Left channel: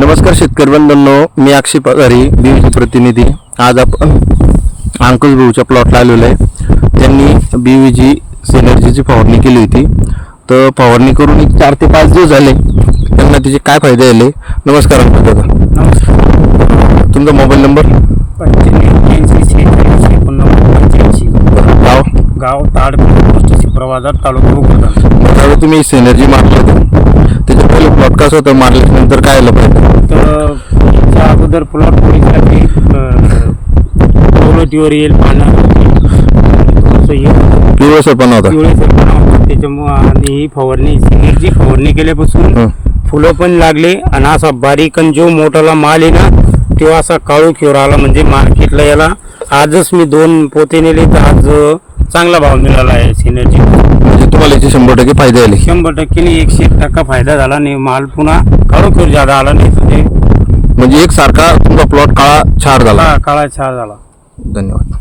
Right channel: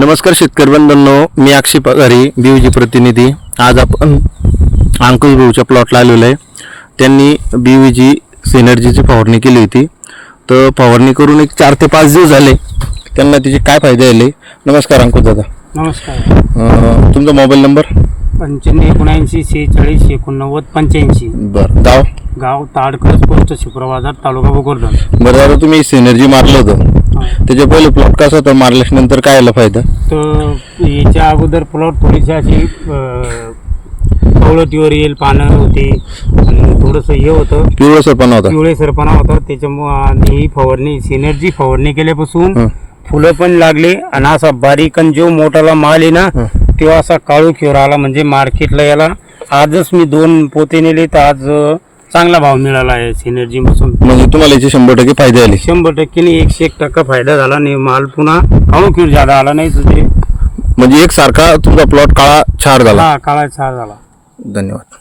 नमस्कार शेतकरी बंधूंनो मी अक्षय पगारी बीवीजी प्रतिनिधी. आज आपण अंकुश भाऊच्या प्लॉटला आलेलो आहे. त्यांनी बीवीजी सिनर्जीची फवारणी केली होती. तर फवारणी करून एक चार ते पाच दिवस झाले. त्यांना तिचे काय फायदे आले? नमस्कार अंकुश दादा. तुमचा मोबाईल नंबर पंच्याण्णव शेहेचाळीस एकोणनव्वद पंच्याऐंशी. बरं गाव? गाव ताडकळ पोस्ट शिप्रवाजार तालुका बरं दादा तुम्ही सिनर्जी मारलं होतं. त्याच्या पहिले प्लॉट कसं होतं? मारल्याच्या नंतर काय आलं पाहिजे? तर याच्या अगोदर प्लॉट अशी कवळटीवर येईल पानं होती. थोडंसं हे होतं. पिवळसरपणा होता. पिवळेसरपणा होता. त्याच्यामुळं आणि ही फवारणी सिनेरची फवारणी केल्यापासून हं. फुलं पण लागले आणि असा बारीक आणि जो मोठाला माल आहे ना तो असा काळू खेवर आला म्हणजे मार्केटला याला. आजच मी दोन पोते नेले तर आज अं, चांगला भाव मिळाला आहे सिनर्जी म्हणजे तुम्हाला याचे शंभर टक्के फायदे आले. शंभर टक्के एकशे एक टक्का फायदा झाला आणि माल पुन्हा काळू खेळ जादा आला नाही तर ते म्हणजे एक सारखा तुमचा प्लॉट काळा छार झाला. काळा काळा छार झाला. धन्यवाद.